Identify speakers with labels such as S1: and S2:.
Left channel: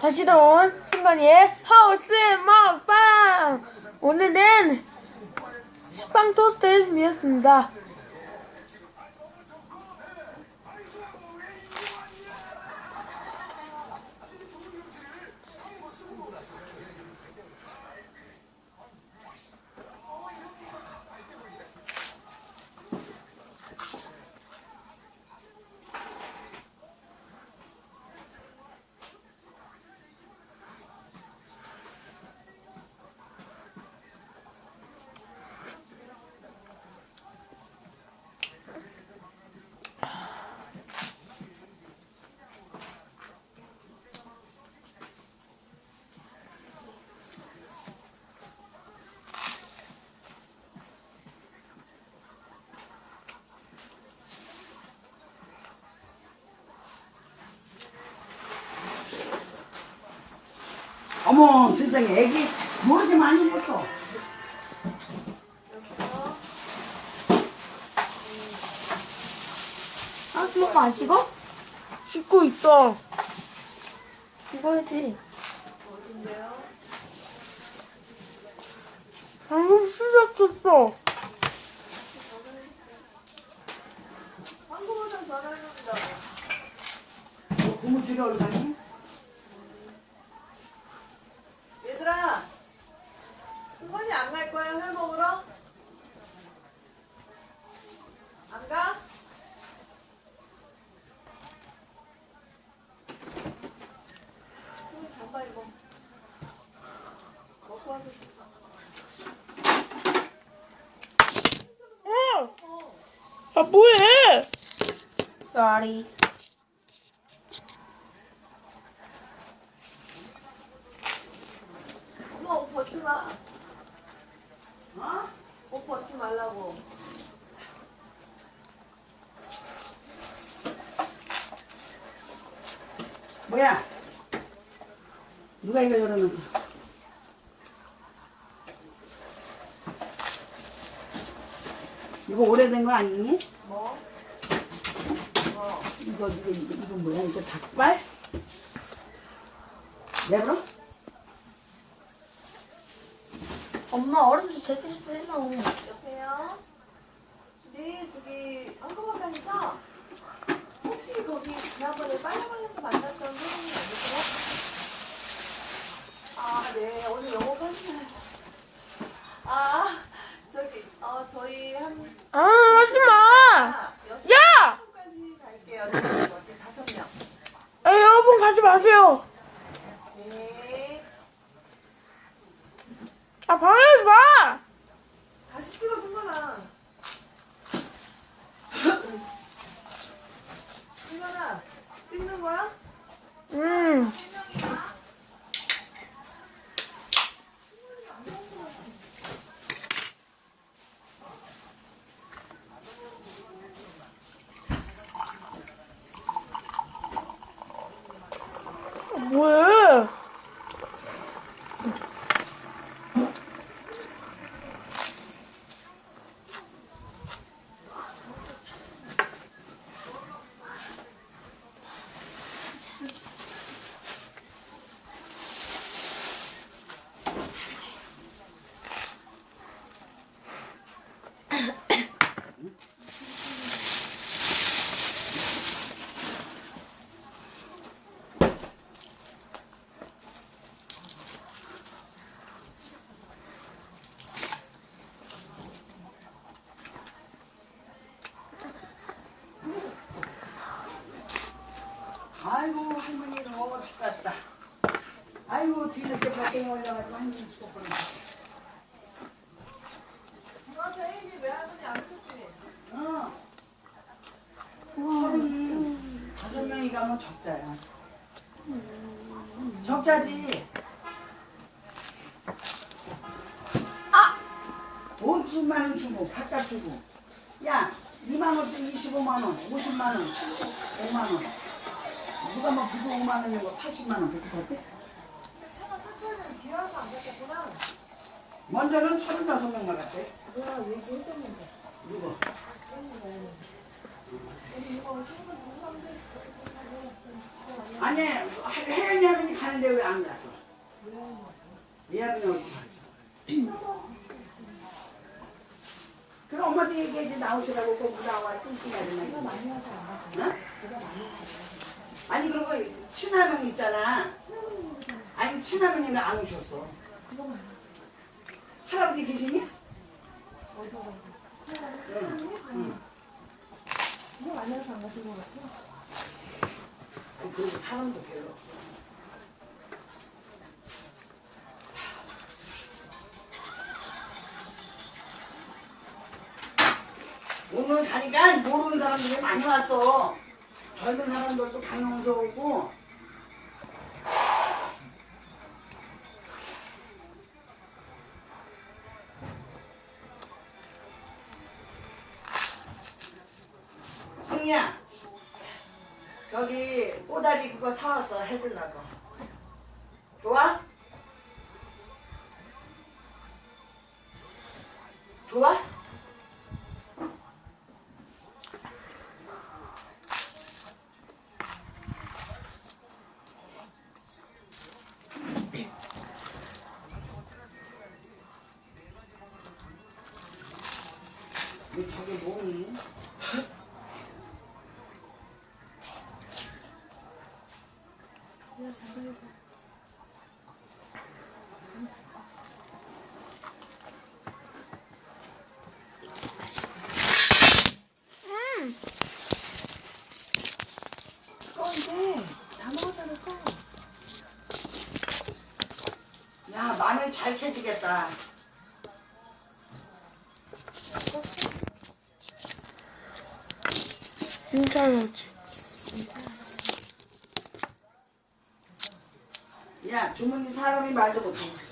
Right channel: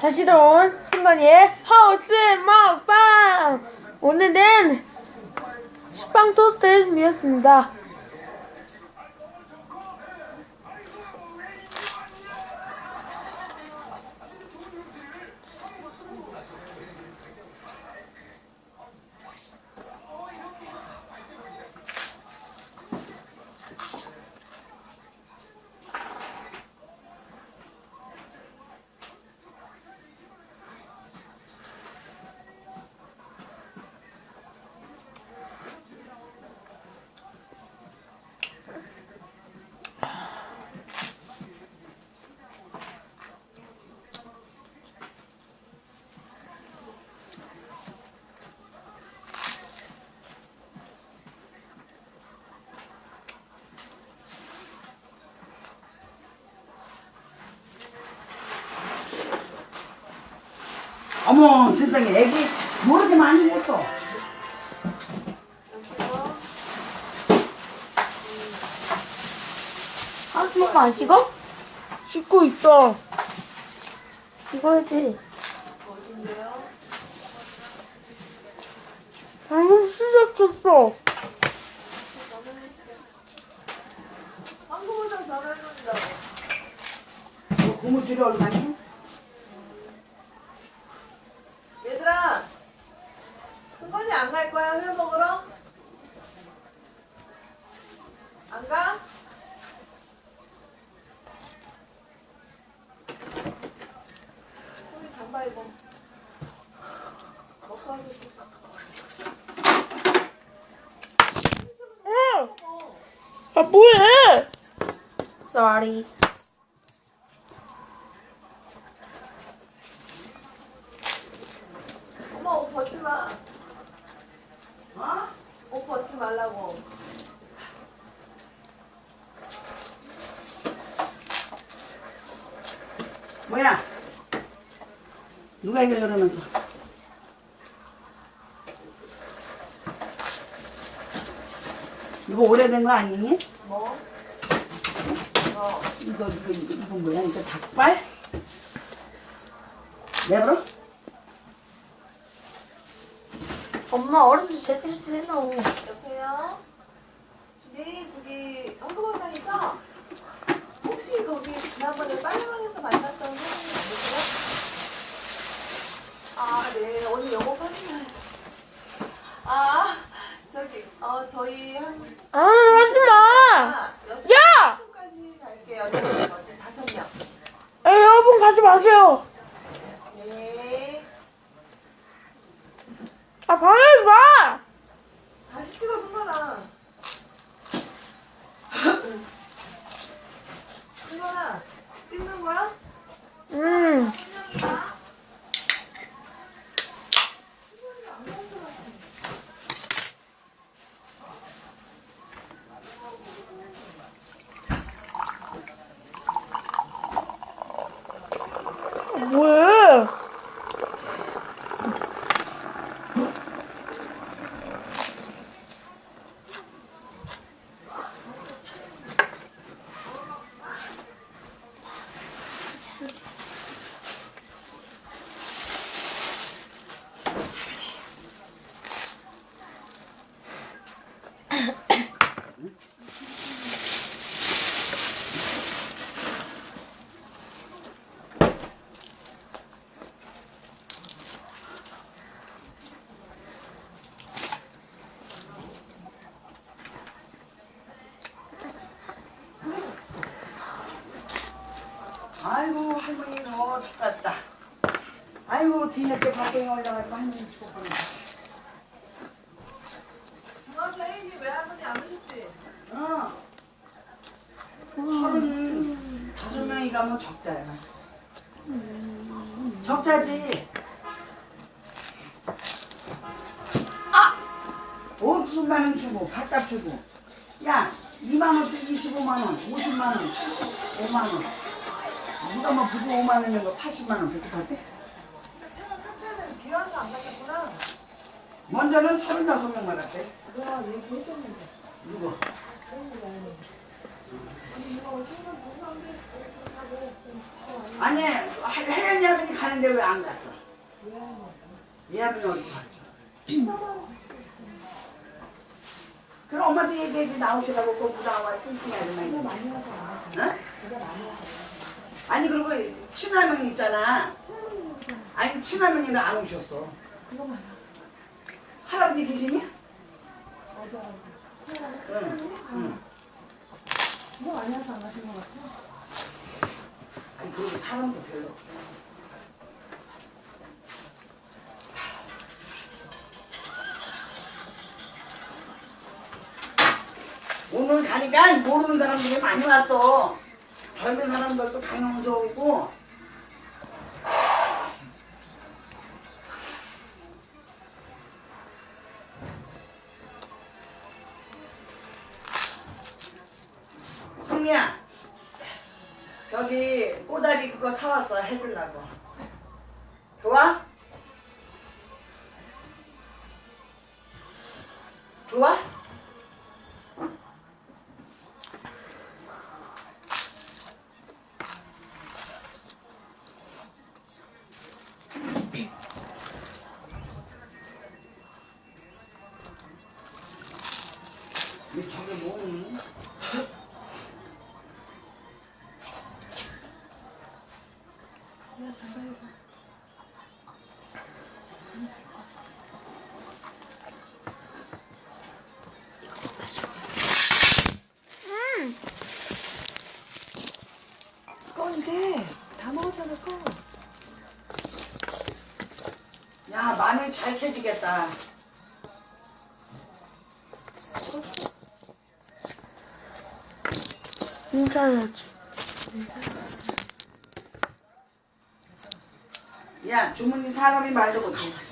S1: 다시 돌아온 순간이의 하우스 먹방! 오늘은 식빵 토스트를 준비했습니다.
S2: 어머 세상에 애기 뭐 이렇게 많이 했어
S3: 하우스 먹방 안 찍어?
S1: 씻고 있어.
S3: 이거 해야지.
S1: 방금 시작했어.
S2: 너 고무줄이 얼마니?
S4: 얘들아, 승건이 안 갈 거야, 회 먹으러? 안 가? 승건이 잠바 입어. 먹고 와서 씻어.
S1: 어! 아, 뭐해?
S3: Sorry.
S4: 엄마 옷 벗지 마. 어? 옷 벗지 말라고.
S2: 뭐야 누가 이거 그러는 거 이거 오래된 거 아니니?
S4: 뭐? 어.
S2: 이거 이거 이거 이거 뭐야 이거 닭발? 내버려?
S3: 엄마 얼음도 제대로 해놔.
S4: 여보세요? 네, 저기 한국어장이죠? 혹시 거기 지난번에 빨래방에서 만났던 선생님 아니세요? 아, 네. 오늘 영어 선생님이었어요. 아, 저기, 어, 저희 한,
S1: 아, 하지 마! 야!
S4: 갈게요. 다섯 명.
S1: 아, 여러분 가지 마세요.
S4: 네.
S1: 아, 방해하지 마!
S4: 다시 찍어, 승관아. 승관아, 찍는 거야?
S1: 음. 뭐해?
S2: 아이고 할머니 더워 죽겠다 아이고 뒤늦게 밖에 올라가지고 할머니 죽었구나
S4: 중학교 회의 왜 할머니 안 오셨지?
S2: 어. 서른 다섯 명이 가면 적자야. 적자지. 아! 50만 원 주고 밥값 주고. 야, 2만 원짜리 25만 원, 50만 원, 75만 원. 누가 뭐 부부 5만 원이고 80만 원 그렇게?
S4: 근데 채만 카페는 비 와서 안 가셨구나.
S2: 먼저는 35명 받았대.
S4: 그거 얘기해줬는데.
S2: 누구?
S4: 아니,
S2: 혜연이 아버님 가는데 왜 안 갔어? 이 아버님 어디 갔어? 그럼 엄마한테 얘기해야지 나오시라고 꼭 부담와 띵띵하지 말고 응? 아니 그리고 친할머니 있잖아 아니 친할머니는 안 오셨어 할아버지 계시니? 응, 응. 아니 그리고 사람도 별로 없어 오늘 가니까 모르는 사람들이 많이 왔어. 젊은 사람들도 강용서 오고. 승리야, 저기 꼬다리 그거 사왔어 해주려고. 좋아? 좋아? 왜 저게 뭐니?
S4: 그건데 다 또.
S2: 야 마늘 잘 캐지겠다.
S1: 진짜 해야지.
S2: 야 주문이 사람이 말도 못해.
S1: 응.